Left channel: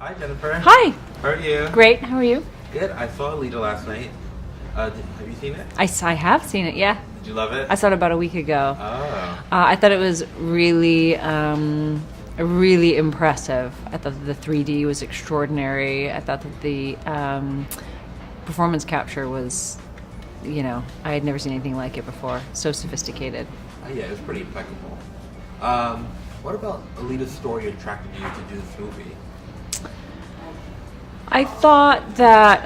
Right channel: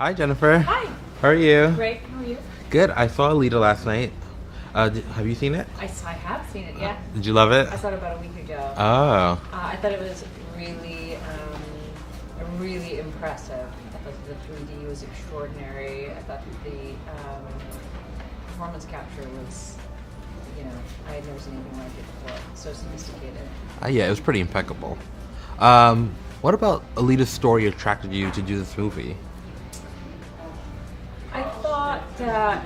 Hi, Jennifer. Hi. How are you? Great. How are you? Good. I saw Alita last night. Have you seen it? I have seen it, yeah. Did you love it? I saw it about a week ago. Oh. I thought it was really, really impressive. I thought that the 3D was extraordinary. I thought that the performance capture was, I had never seen anything like it before. So sophisticated. Yeah, it was pretty impeccable. What about Alita's story attracted you to do this movie? I thought that,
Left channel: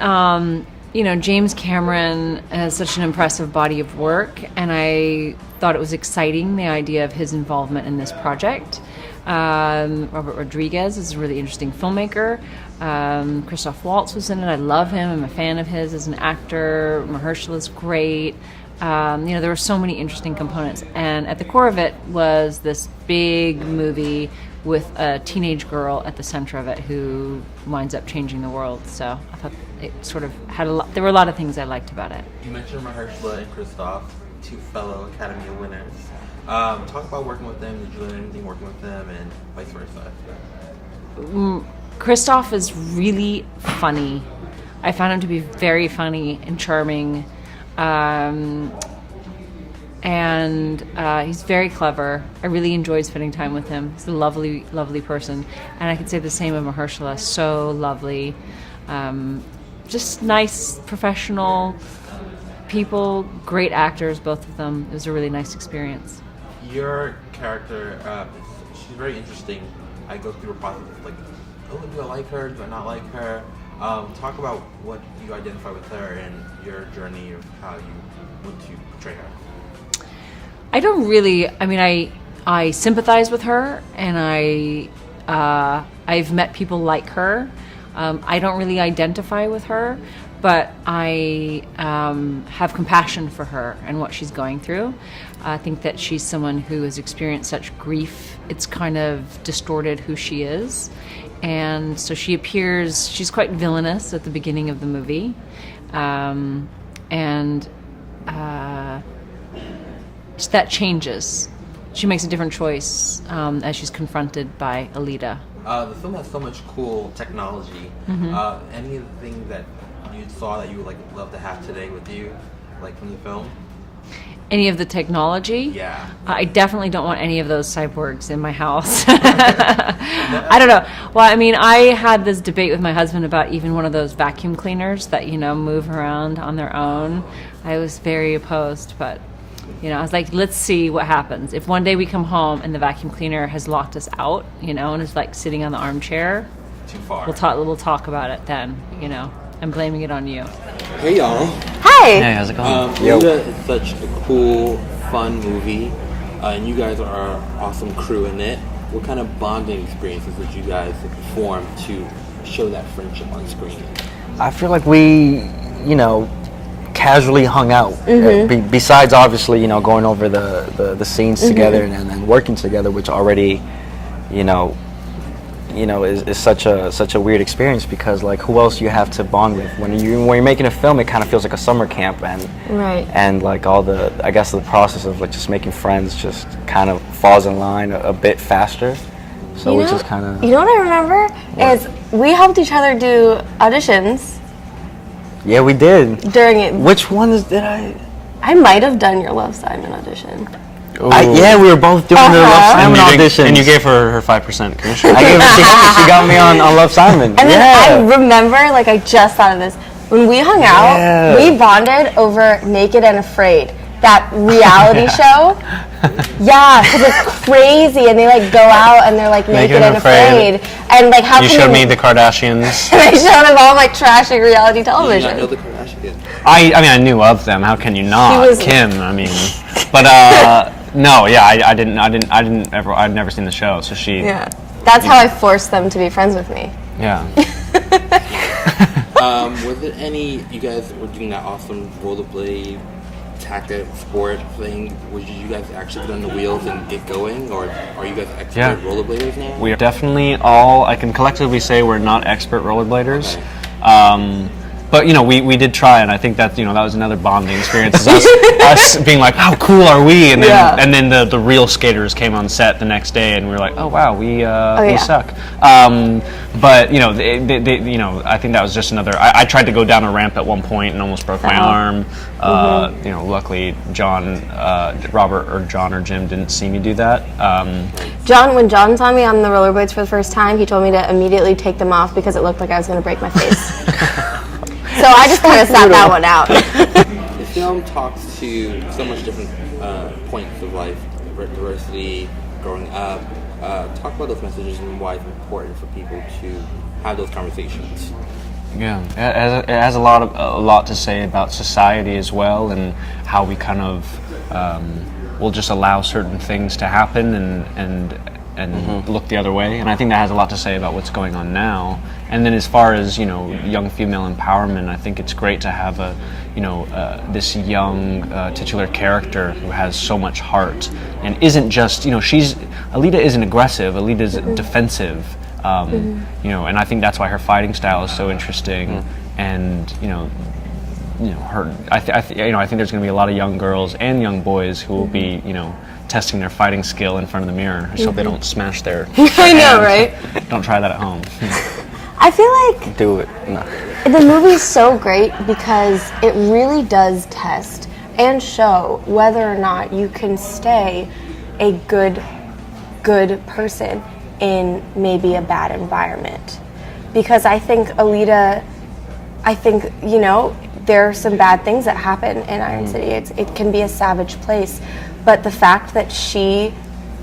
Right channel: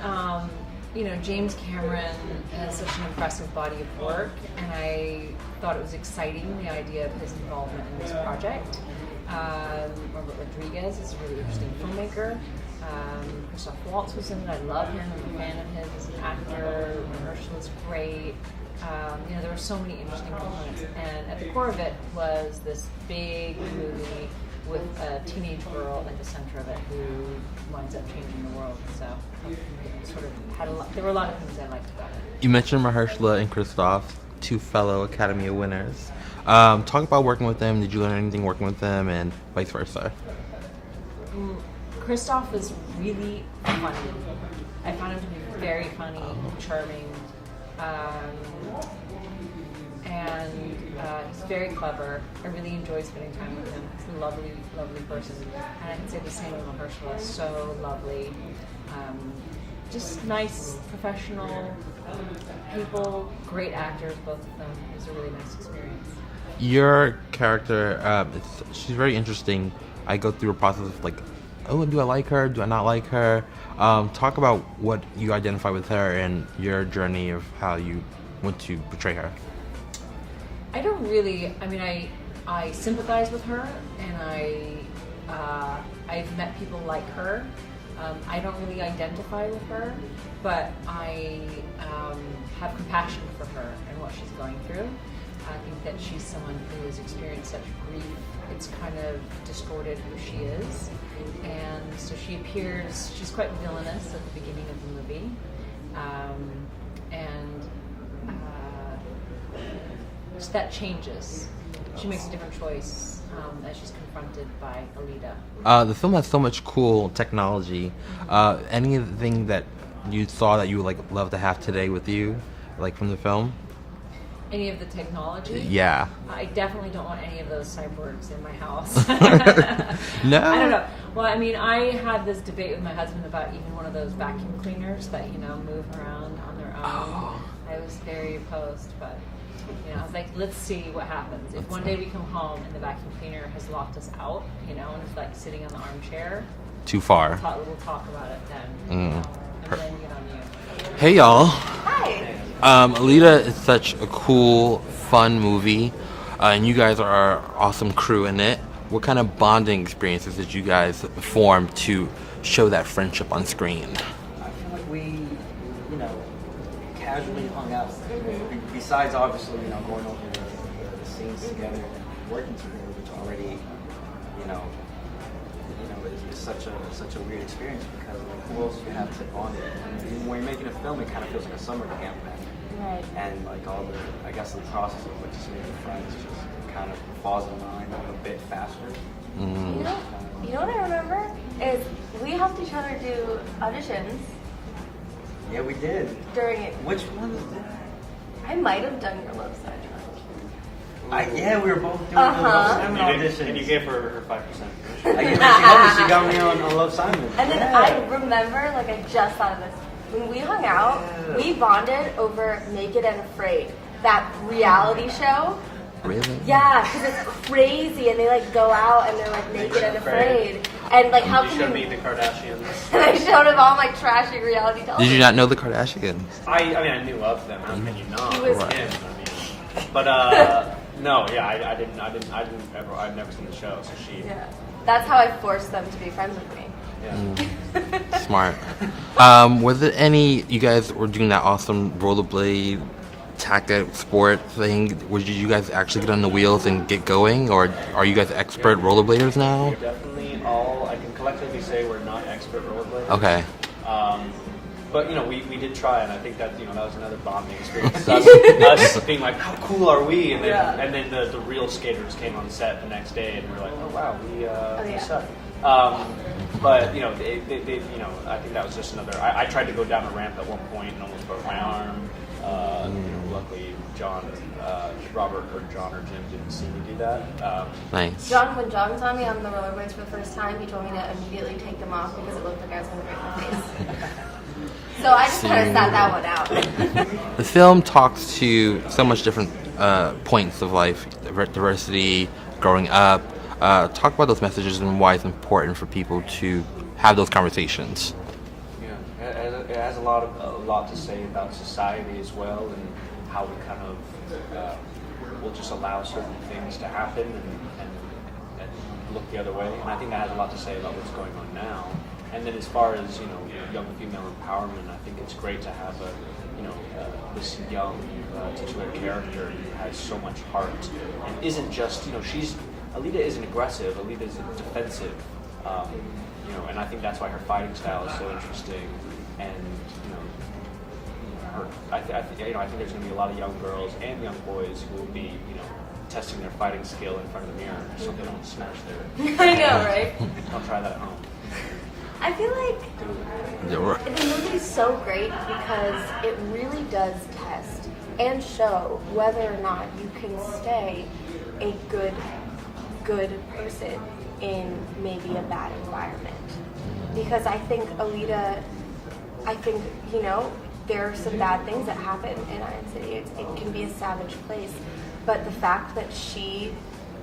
James Cameron has such an impressive body of work, and I thought it was exciting, the idea of his involvement in this project. Robert Rodriguez is a really interesting filmmaker. Christoph Waltz was in it. I love him. I'm a fan of his as an actor. Mahershala is great. There were so many interesting components, and at the core of it was this big movie with a teenage girl at the center of it who winds up changing the world. So I thought it sort of had there were a lot of things I liked about it. You mentioned Mahershala and Christoph, two fellow Academy Award winners. Talk about working with them. Did you learn anything working with them, and vice versa? Christoph is really funny. I found him to be very funny and charming. And he's very clever. I really enjoyed spending time with him. He's a lovely, lovely person. And I could say the same of Mahershala. So lovely. Just nice, professional people, great actors, both of them. It was a really nice experience. Your character, she's very interesting. I go through a process of like, oh, do I like her? Do I not like her? Talk about what you identify with her and your journey of how you want to portray her. I don't really. I mean, I sympathize with her, and I've met people like her. I don't really identify with her, but I have compassion for her and what she's going through. I think that she's someone who has experienced such grief. It's kind of distorted who she is. And so she's quite villainous at the beginning of the movie. That changes. She makes a different choice as she's confronted by Alita. The film has so much cool technology. Mm-hmm. Anything that you saw that you would love to have today with you, like from the film? Any of the technology? Yeah. I definitely don't want any of those cyborgs in my house. No? I don't know. Well, I mean, I had this debate with my husband about even one of those vacuum cleaners that, move around on their own. I was very opposed, but, I was like, let's see what happens. If one day we come home and the vacuum cleaner has locked us out, and is sitting on the armchair. Too far. We'll talk about it then, I'm blaming it on you. Hey, y'all. Hi. Hey, how's it going? Alita is such a cool, fun movie, and you guys are an awesome crew in it. What kind of bonding experiences did you guys form to show that friendship on screen? I feel like we, casually hung out. Mm-hmm. Besides, obviously, going over the scenes together and then working together, which already, is such a weird experience because who else you have to bond with when you're making a film? It kind of feels like a summer camp and all the the process of just making friends just kind of falls in line a bit faster. So which is kind of what I remember is we helped each other do auditions. Yeah, we did. During it. Which ones did I? I might have done your Love Simon audition. Yeah, we were both doing the Love Simon audition. And you gave her 5% commission. I gave her, she got me on Love Simon. And then I remember, I just thought of this. When we hung out, we bonded over Naked and Afraid, that reality show. Yeah, because it's crazy, and they go out and they're naked and afraid, and how you showed me the Kardashians. And I showed them all trashing reality television. Did you not know the Kardashians? I mean, I knew of them. How can you not? Kim, I mean, but no, yeah, I'd never seen the show, so she. Yeah, that's how I forced them to be friends with me. Yeah. Smart. Was it you guys were doing that awesome rollerblade tactic sport thing? Did you guys actually get on the wheels and get going, or are you guys expert rollerbladers now? We are definitely all, I can collectively say we're not expert rollerbladers. Okay. but we did try, and I think that that was another bonding experience. Is us being like, how cool are we? And then the real skaters came on set the next day, and we were like, oh wow, we suck. But I think that was just another. I tried to go down a ramp at one point and almost broke my arm. Luckily, Robert or John or Jim didn't see me do that. Nice. When John saw me on the rollerblades for the first time, he told me to immediately take them off because it looked like I was going to break my face. So I just kind of sat that one out. The film talks to so much different points of life, diversity, growing up. Talk about those messages and why it's important for people to have those conversations. Yeah, it has a lot to say about society as well, and how we kind of will just allow certain things to happen and look the other way. And I think that has a lot to say about what's going on now. And then as far as young female empowerment, I think it's great to have this young titular character who has so much heart and isn't just Alita isn't aggressive. Alita's defensive. And I think that's why her fighting style is so interesting. And her. I think there's going to be a lot of young girls and young boys who will be testing their fighting skill in front of the mirror, so they don't smash their. I know, right? Don't try that at home. I feel like do it. No. The movie's so great because it really does test and show whether or not you can stay a good person in maybe a bad environment. Because I think Alita, there are some bad things that happen in Iron City. It can be a savage place, but the fact that she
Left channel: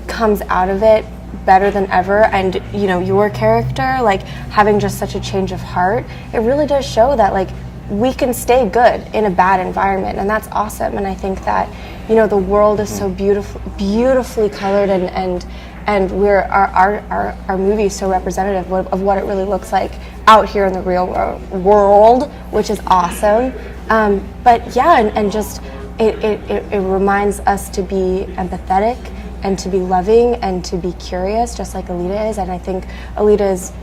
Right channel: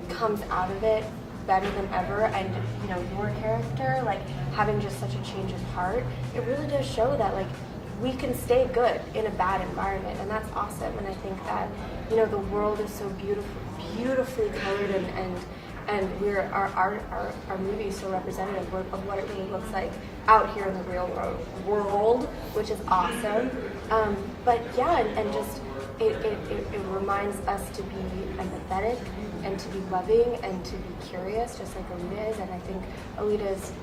comes out of it better than ever, and your character having just such a change of heart, it really does show that we can stay good in a bad environment, and that's awesome. And I think that the world is so beautifully colored, and our movie is so representative of what it really looks like out here in the real world, which is awesome. But yeah, and just it reminds us to be empathetic and to be loving and to be curious, just like Alita is. And I think Alita is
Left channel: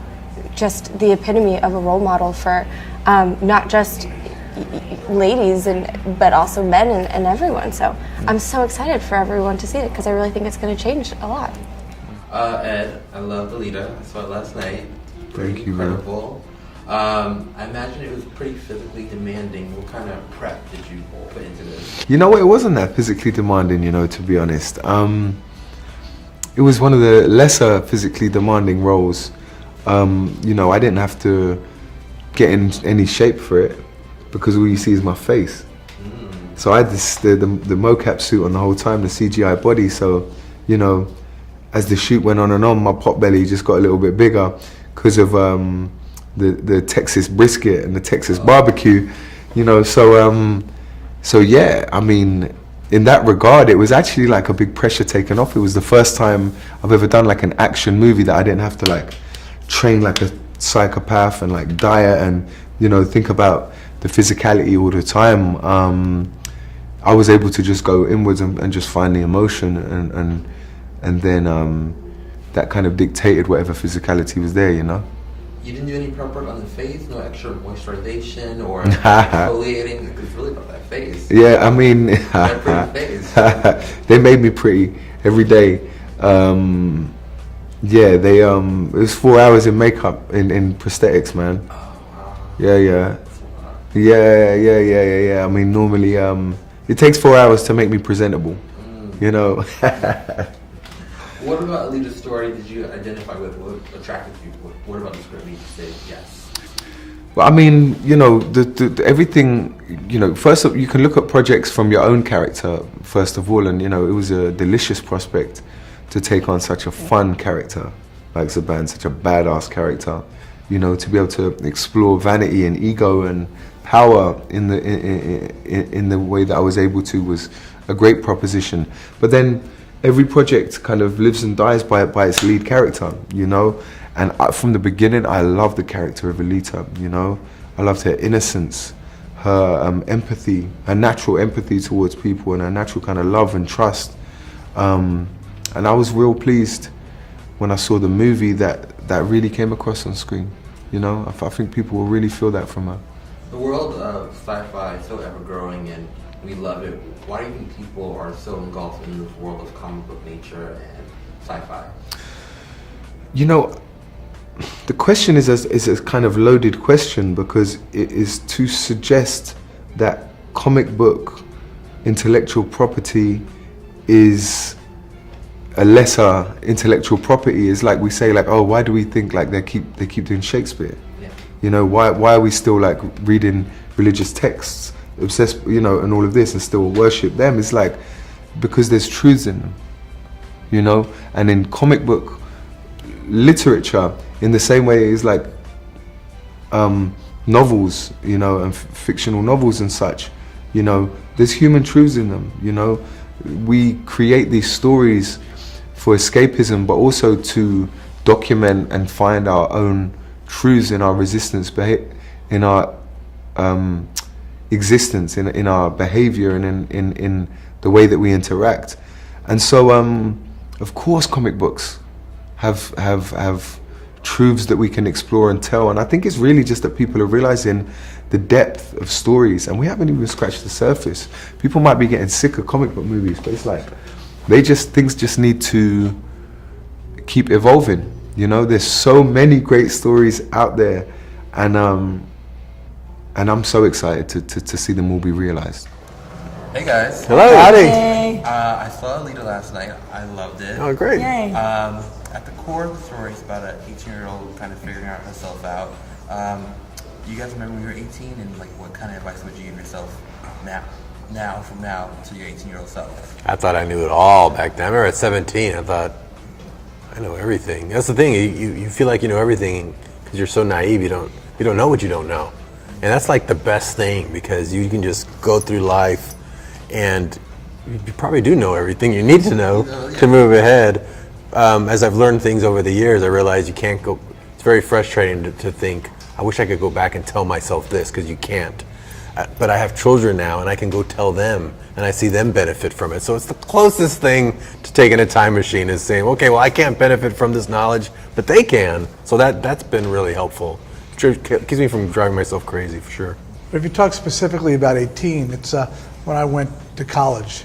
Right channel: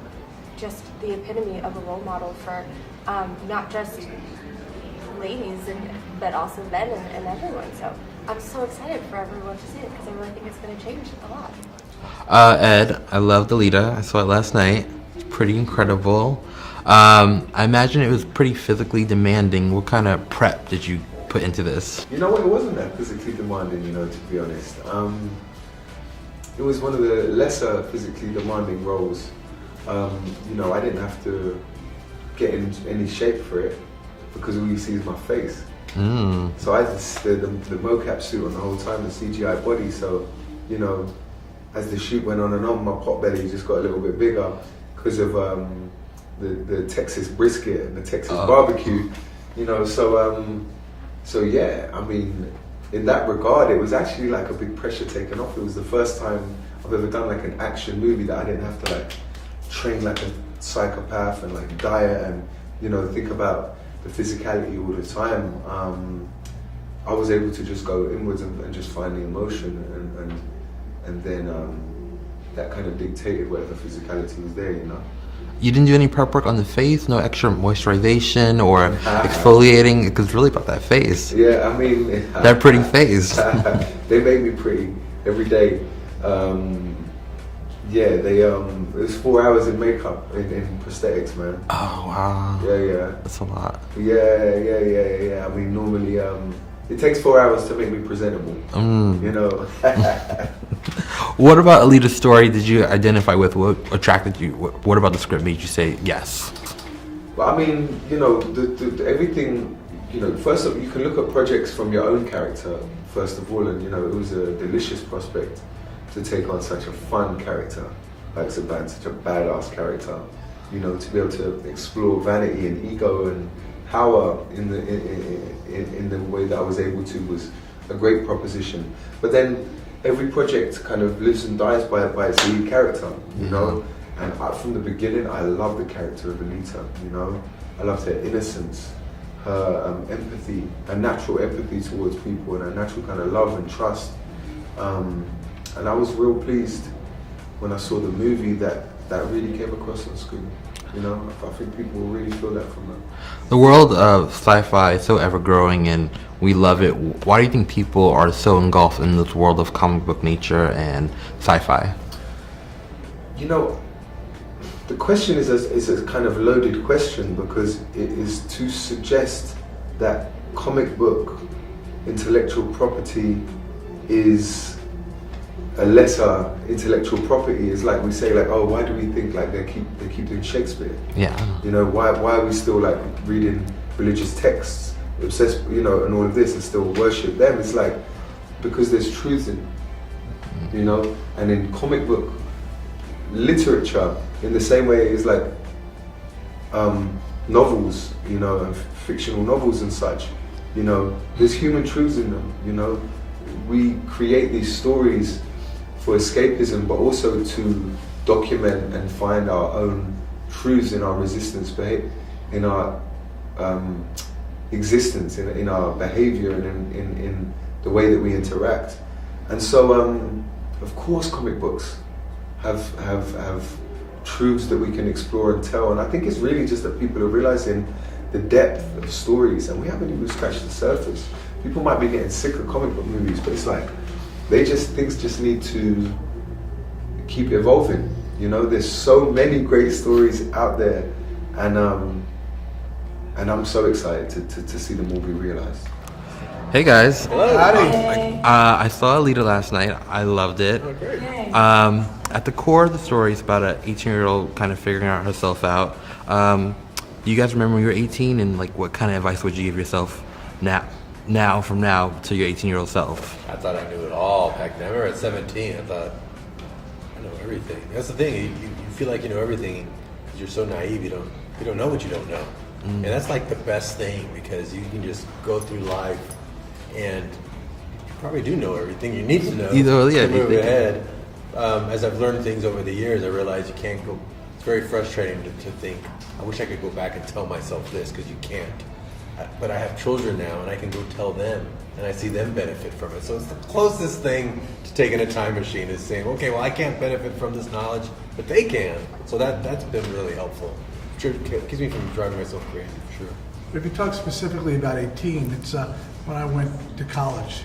just the epitome of a role model for not just ladies but also men and everyone. So I'm so excited for everyone to see it because I really think it's going to change a lot. Ed, I loved Alita. I saw it last night. It's pretty incredible. I imagine it was pretty physically demanding. What kind of prep did you put into this? It wasn't that physically demanding, to be honest. It was one of the lesser physically demanding roles. I didn't have to get in any shape for it because all you see is my face. So I had the mocap suit on the whole time, the CGI body. So, as the shoot went on and on, my pot belly just got a little bit bigger because of the Texas brisket and the Texas barbecue. So yeah, I mean, in that regard, it was actually like a big pressure taken off. It was the first time I've ever done an action movie that I didn't have to train like a psychopath and diet and think about the physicality all the time. I was able to just go inwards and just find the emotion and then that kind of dictated whatever physicality was there. You didn't do any prep work on the face? No extra moisturization or exfoliating? Because it's really about that face. Yeah, I mean... that pretty face. They made me pretty every day. It was 4 hours in makeup, in prosthetics, man. Oh, wow. Yeah. That's a lot. Yeah. I mean, normally, it takes 4 hours to make me presentable, What about Alita's story did you identify with? What attracted you? What about the script made you say yes? Well, I mean, the everything, first of all, you can look at projects from your own character, first of all, and, it was a delicious prospect to take on such a fun character like Zaban, such a badass character, to be able to explore vanity and ego and power in the way that I was able to was a great proposition. But then every project kind of lives and dies by its lead character, And from the beginning, I loved the character of Alita, I loved her innocence, her empathy, her natural empathy towards people, and her natural kind of love and trust. And I was real pleased when I saw the movie that really came across on screen. You know, I think people will really feel that from her. The world of sci-fi is so ever-growing and we love it. Why do you think people are so engulfed in this world of comic book nature and sci-fi? You know, the question is a kind of loaded question because it is to suggest that comic book intellectual property is a lesser intellectual property. Is like we say, like, oh, why do we think like they keep doing Shakespeare? Yeah. You know, why are we still like reading religious texts, obsessed, you know, and all of this, and still worship them? It's like because there's truths in them, you know. And in comic book literature, in the same way as like novels, you know, and fictional novels and such, you know, there's human truths in them. You know, we create these stories for escapism, but also to document and find our own truths in our resistance, in our existence, in our behavior, and in the way that we interact. And so, of course, comic books have truths that we can explore and tell. And I think it's really just that people are realizing the depth of stories, and we haven't even scratched the surface. People might be getting sick of comic book movies, but it's like things just need to keep evolving. You know, there's so many great stories out there, and I'm so excited to see them all be realized. Hey guys. Hello. Hey. I saw Alita last night. I loved it. Oh, great. Yay. At the core of the story is about an 18-year-old kind of figuring out herself out. Do you guys remember when you were 18, and like what kind of advice would you give yourself now from now to your 18-year-old self? I thought I knew it all back then. I remember at 17, I thought, I know everything. That's the thing, you feel like you know everything because you're so naive, you don't know what you don't know. And that's like the best thing, because you can just go through life and you probably do know everything you need to know to move ahead. As I've learned things over the years, I realize you can't go, it's very frustrating to think, I wish I could go back and tell myself this, because you can't. But I have children now, and I can go tell them, and I see them benefit from it. So it's the closest thing to taking a time machine, is saying, okay, well, I can't benefit from this knowledge, but they can. So that's been really helpful. It keeps me from driving myself crazy, for sure. If you talk specifically about 18, it's when I went to college.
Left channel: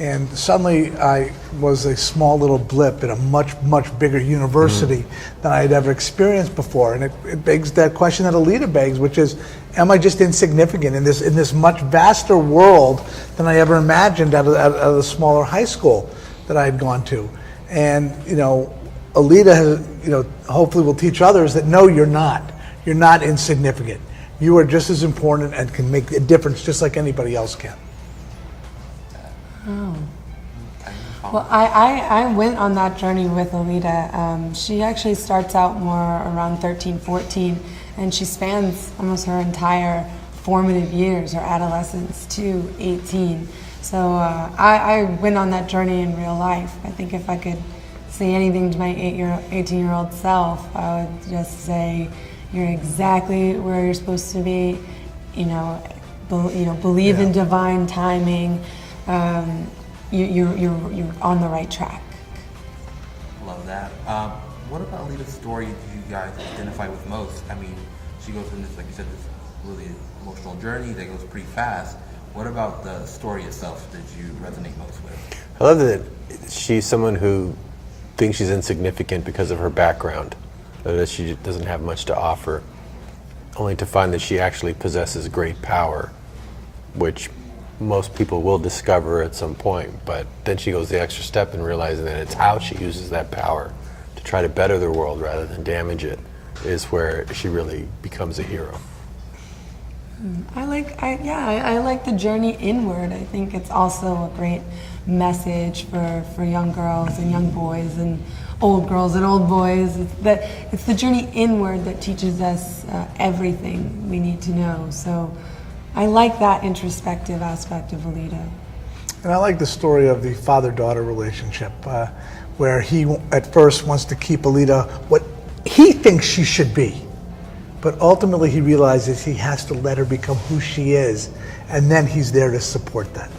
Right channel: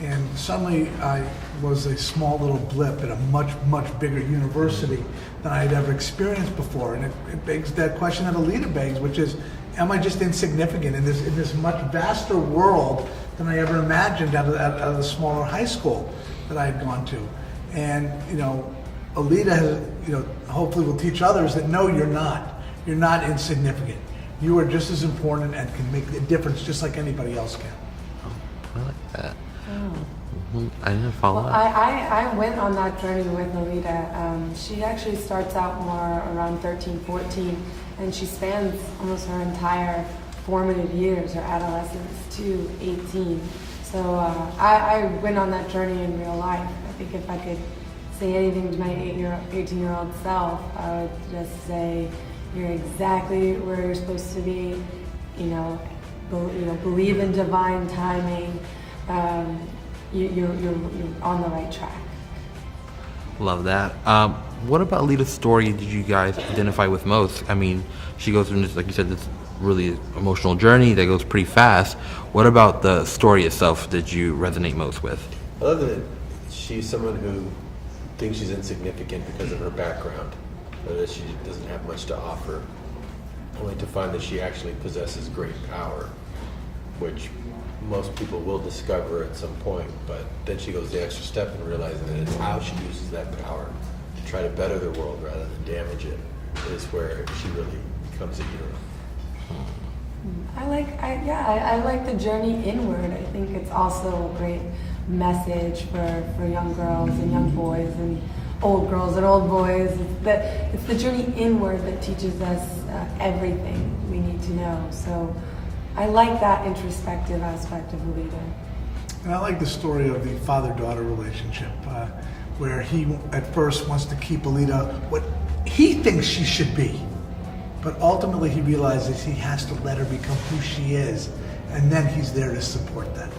And suddenly I was a small little blip in a much, much bigger university than I had ever experienced before. And it begs that question that Alita begs, which is, am I just insignificant in this much vaster world than I ever imagined out of the smaller high school that I had gone to? And, you know, Alita has, you know, hopefully will teach others that no, you're not. You're not insignificant. You are just as important and can make a difference just like anybody else can. I didn't follow Well, I went on that journey with Alita. She actually starts out more around 13, 14, and she spans almost her entire formative years, her adolescence to 18. So I went on that journey in real life. I think if I could say anything to my 18-year-old self, I would just say, you're exactly where you're supposed to be. You know, believe in divine timing. You're on the right track. Love that. What about Alita's story did you guys identify with most? I mean, she goes through this, like you said, this really emotional journey that goes pretty fast. What about the story itself did you resonate most with? I love that she's someone who thinks she's insignificant because of her background, that she doesn't have much to offer, only to find that she actually possesses great power, which most people will discover at some point. But then she goes the extra step in realizing that it's how she uses that power to try to better the world rather than damage it, is where she really becomes a hero. I like the journey inward. I think it's also a great message for young girls and young boys and old girls and old boys. It's the journey inward that teaches us everything we need to know. So I like that introspective aspect of Alita. And I like the story of the father-daughter relationship, where he at first wants to keep Alita what he thinks she should be. But ultimately he realizes he has to let her become who she is, and then he's there to support that.